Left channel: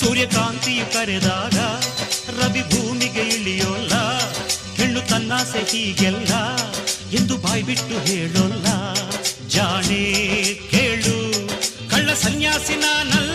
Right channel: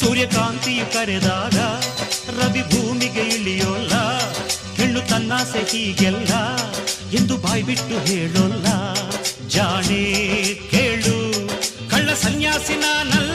ಸೂರ್ಯಕಾಂತಿಯು ಕರೆದಾಗ ರವಿ ಭೂಮಿಗೆ ಇಳಿಯೋಲ್ಲ. ಹೆಣ್ಣು ತನ್ನಾಸೆ ಹೀಗೆಲ್ಲ ಎಂದು ಬಾಯ್ಬಿಟ್ಟು ಹೇಳೋಲ್ಲ. ಜಾಣೆ ಕೇಳು, ಕಳ್ಳ ಸನ್ಯಾಸಿ ನಾನಲ್ಲ.